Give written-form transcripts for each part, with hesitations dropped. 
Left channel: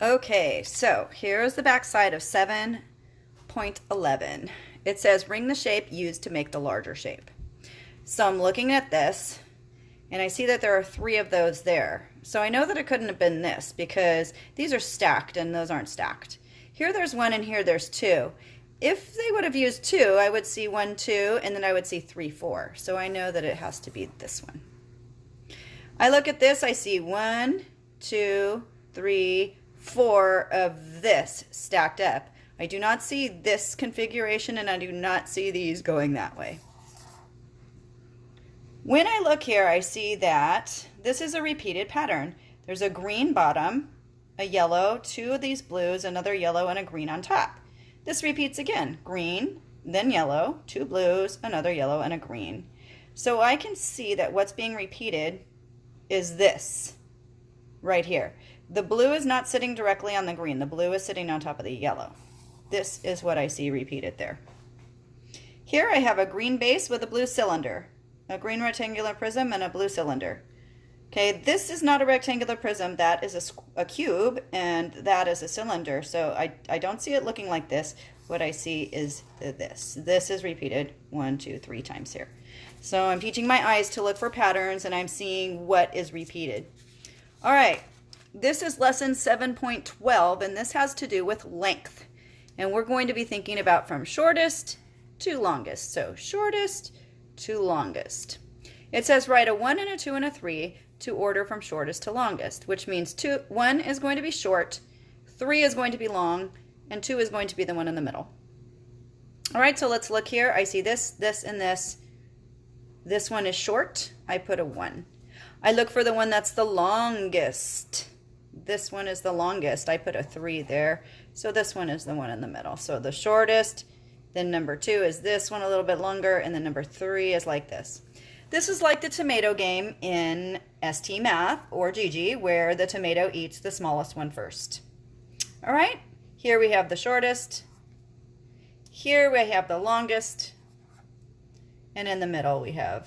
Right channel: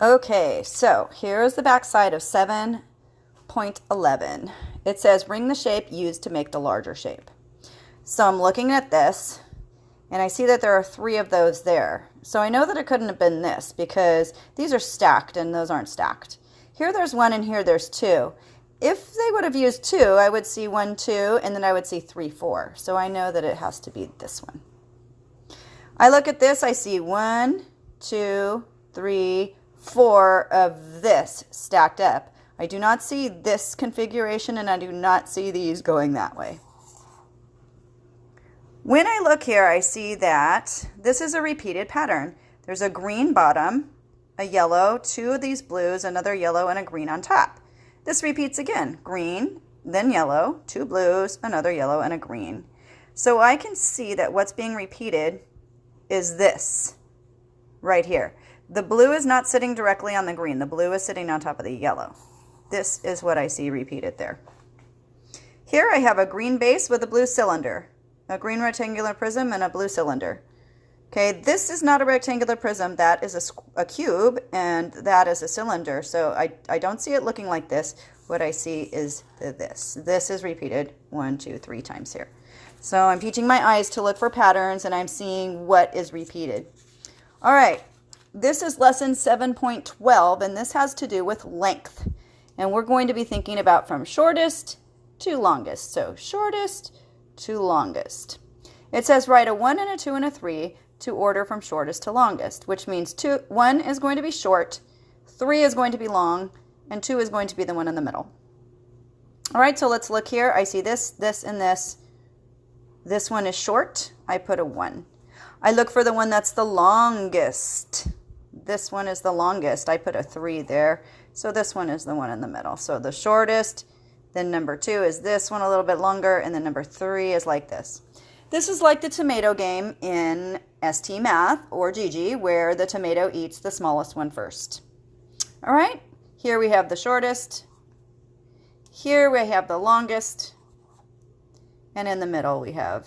Okay, so here's the back side of 7.11. It says ring the shape used to make the larger shape. So I'm looking at this, and I see that there are 3 of those there. So I know that it couldn't have been this because these are stacked and those aren't stacked. Here there's 1 and here there's 2. If they would have used 2, I would see 1, 2, and then I would see 3, 4. So I know that it has to be this one. I look at this, I see 1, 2, 3, 4 of this stacked up. I do not see this configuration, and I do not see these going that way. When I look here, I see that this is a repeated pattern. There's a green bottom, a yellow, 2 of these blues, another yellow, and a green on top. This repeats again, green, then yellow, 2 blues, another yellow, and a green. So I can see that what's being repeated is this right here. The blue is not sitting directly on the green. The blue is sitting on top of the yellow. This is what I see repeated there. Here I have a green base with a blue cylinder, a green rectangular prism, and a blue cylinder. Okay, this is not a rectangular prism. That is a cube, and that is a cylinder. So I don't see it looking like this. What I see is this. This is repeated 1, 2, 3 times here. So I'm teaching my eyes to look for patterns, and I'm seeing what is repeated. All right, this is lesson 7.12, and this has to do with length. And we're going to be thinking about from shortest to longest. So shortest to longest. It says write a 1 and a 2 and a 3 to order from shortest to longest, which means 1 is going to be short, 3 is going to be long, and 2 is going to be the one in the middle. All right, so let's look here. I see this, this, and this. This one is short. I put a 1. I look for the one that's the longest. This one is the longest. I put a 3 there. So this one is the one in the middle. So the shortest, then number 2 is this one a little bit longer, and then number 3 is like this. This is like the tomato game in ST Math or Gigi, where the tomato eats the smallest one first. All right, here we have the shortest. Here we have the longest. And in the middle we have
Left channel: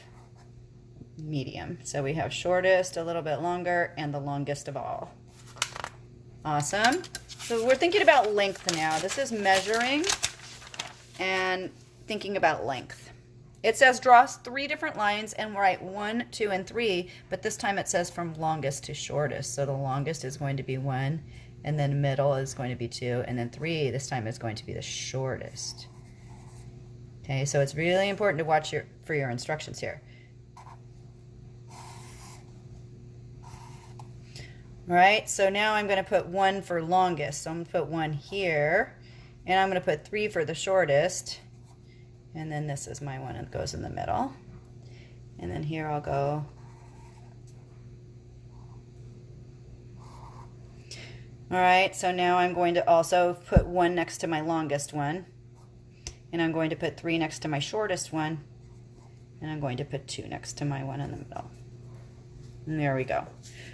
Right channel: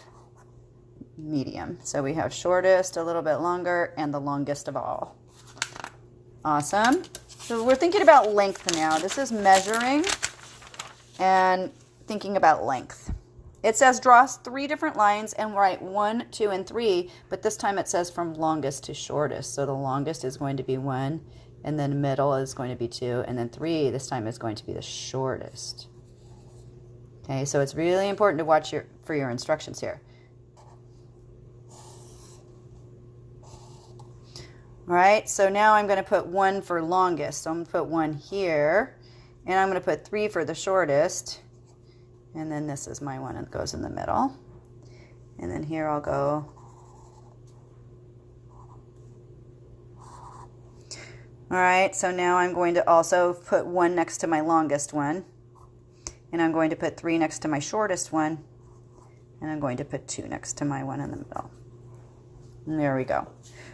medium. So we have shortest, a little bit longer, and the longest of all. Awesome. So we're thinking about length now. This is measuring and thinking about length. It says draw 3 different lines and write 1, 2, and 3, but this time it says from longest to shortest. So the longest is going to be 1, and then middle is going to be 2, and then 3 this time is going to be the shortest. Okay, so it's really important to watch for your instructions here. All right, so now I'm going to put 1 for longest. So I'm going to put 1 here, and I'm going to put 3 for the shortest. And then this is my one that goes in the middle. And then here I'll go. All right, so now I'm going to also put 1 next to my longest one. And I'm going to put 3 next to my shortest one. And I'm going to put 2 next to my one in the middle. And there we go.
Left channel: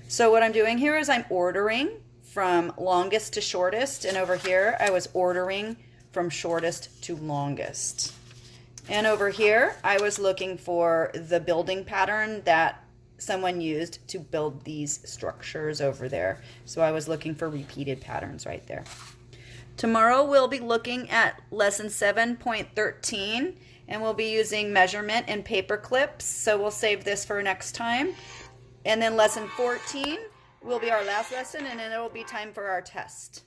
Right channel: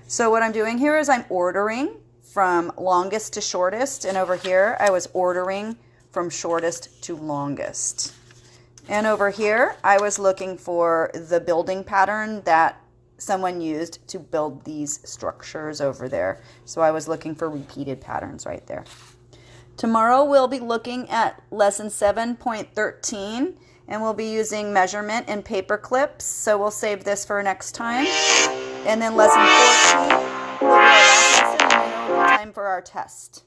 So what I'm doing here is I'm ordering from longest to shortest. And over here, I was ordering from shortest to longest. And over here, I was looking for the building pattern that someone used to build these structures over there. So I was looking for repeated patterns right there. Tomorrow, we'll be looking at lesson 7.13, and we'll be using measurement and paper clips. So we'll save this for next time. And then lesson 14 will be our last lesson, and then it will be time for our test.